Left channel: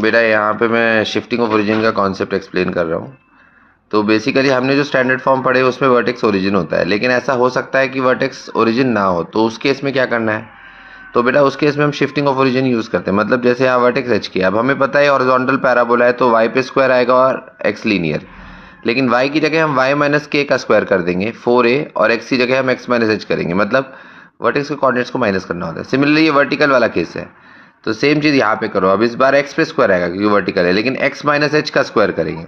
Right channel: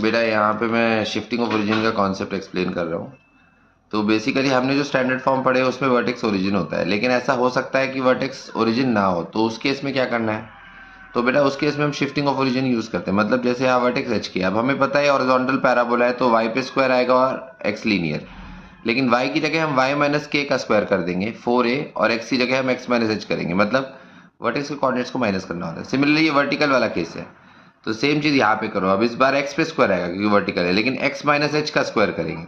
बेटा यहाँ पे मैं शिफ्टिंग ऑफ ओरिजिन का कॉन्सेप्ट एक्सप्लेन कर रहा हूँ। तो बेसिकली हमने जो स्टैंडर्ड फॉर्म पढ़े उसमें वर्टेक्स ओरिजिन होता है, लेकिन ऐसा हो सकता है कि वर्टेक्स ओरिजिन ना हो, तो उस केस में क्या करना है? तो बेटा उस केस में हम शिफ्टिंग ऑफ ओरिजिन यूज़ करते हैं। मतलब जैसे यहाँ वर्टेक्स एच किया, अब हमें पता है हॉरिजॉन्टल पैराबोला है तो वाई पे स्क्वायर आएगा और एक्स लीनियर, लेकिन वाई की जगह हम वाई माइनस के का स्क्वायर कर देंगे 4a, और एक्स की जगह हम एक्स माइनस एच करेंगे। मतलब वर्टेक्स के कोऑर्डिनेट्स को माइनस करना होता है। सिमिलरली ये वर्टिकल वाला केस है, तो सेम चीज़ यहाँ पे करो। अब इस बार एक्स पे स्क्वायर आएगा क्योंकि वर्टिकल है, लेकिन एक्स माइनस एच का स्क्वायर करेंगे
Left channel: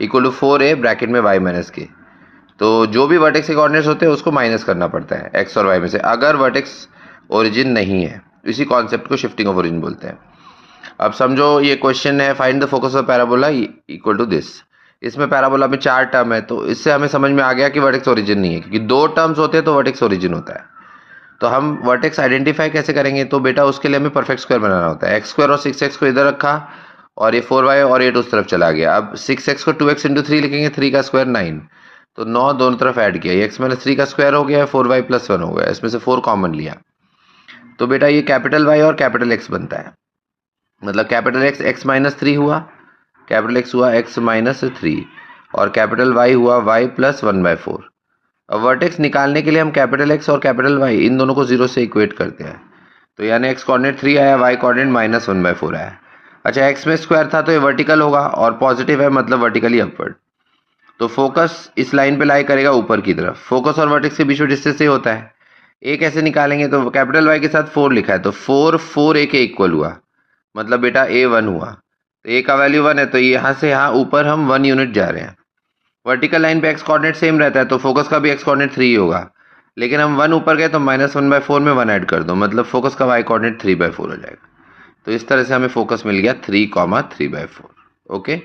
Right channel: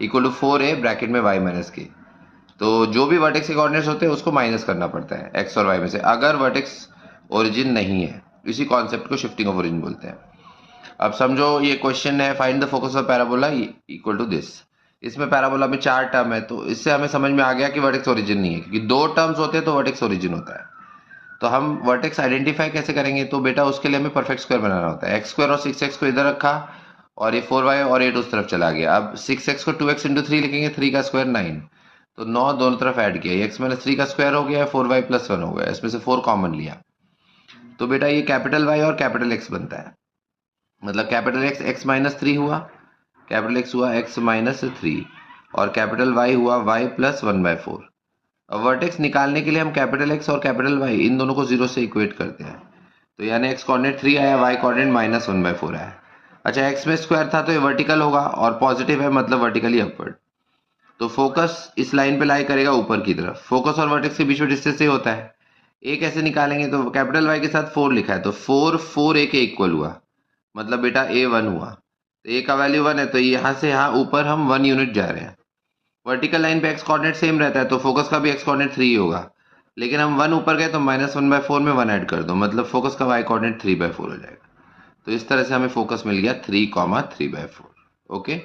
इक्वल टू 4a ब्रैकेट में वाई माइनस के। तो जो भी वर्टेक्स के कोऑर्डिनेट्स होते हैं उसको माइनस करना पड़ता है एक्स और वाई में से, अगर वर्टेक्स ओरिजिन नहीं है। इसी कॉन्सेप्ट को शिफ्टिंग ऑफ ओरिजिन बोलते हैं। अब समझो ये क्वेश्चन है, find the focus of parabola equal to this. इसमें पैराबोला में 4 टर्म है, तो इससे हमें समझ में आ गया कि वर्टेक्स ओरिजिन नहीं है, क्योंकि 2 टर्म्स होते हैं तो वर्टेक्स ओरिजिन होता है। तो हम वर्टेक्स आइडेंटिफाई कैसे करेंगे? तो बेटा उसके लिए हमें परफेक्ट स्क्वायर बनाना होता है। एक्स स्क्वायर और 6x को इधर रखा, और ये 4y और 8 उस तरफ चला गया। अब 6x को 2x इंटू 3 लिखेंगे, 3 का स्क्वायर 9, तो 9 दोनों तरफ ऐड किया, एक्स माइनस 3 का स्क्वायर हो गया, 4y प्लस 1 हो गया, इसमें से 4 कॉमन लिया। तो बेटा ये कैपिटल वाई और कैपिटल एक्स बनता है। मतलब कैपिटल एक्स एक्स माइनस 3 हुआ, कैपिटल एक्स हुआ एक्स माइनस 3, और कैपिटल वाई हुआ वाई प्लस 1/4। अब वर्टेक्स निकालने के लिए हम कैपिटल एक्स और कैपिटल वाई इन दोनों को जीरो से इक्वेट करते हैं। तो यानी एक्स कोऑर्डिनेट 3 आया, वाई कोऑर्डिनेट माइनस 1/4 आया। अच्छा, एक्स में स्क्वायर था तो ये वर्टिकल होगा, और पॉजिटिव है मतलब वर्टिकली अपवर्ड। तो फोकस इस लाइन पे लाई करेगा ऊपर की तरफ। फोकस और वर्टेक्स के बीच में डिस्टेंस ये होता है। ए कैसे निकालेंगे? तो कैपिटल वाई के साथ 4 लिखा है, तो 4 ए के इक्वल हुआ, मतलब बेटा ए 1 हुआ। तो ए का वैल्यू 1 है, तो यहाँ से यहाँ ऊपर हम 1 यूनिट जा रहे हैं। वर्टिकल लाइन पे एक्स कोऑर्डिनेट सेम रहता है, तो फोकस का भी एक्स कोऑर्डिनेट 3 होगा, लेकिन हम 1 ऊपर गए तो -1/4 में 1 ऐड कर दो, मतलब फोकस का वाई कोऑर्डिनेट 3/4 हो जाएगा। तो इस तरह से हमें फोकस मिल गया 3, 3/4। ओके।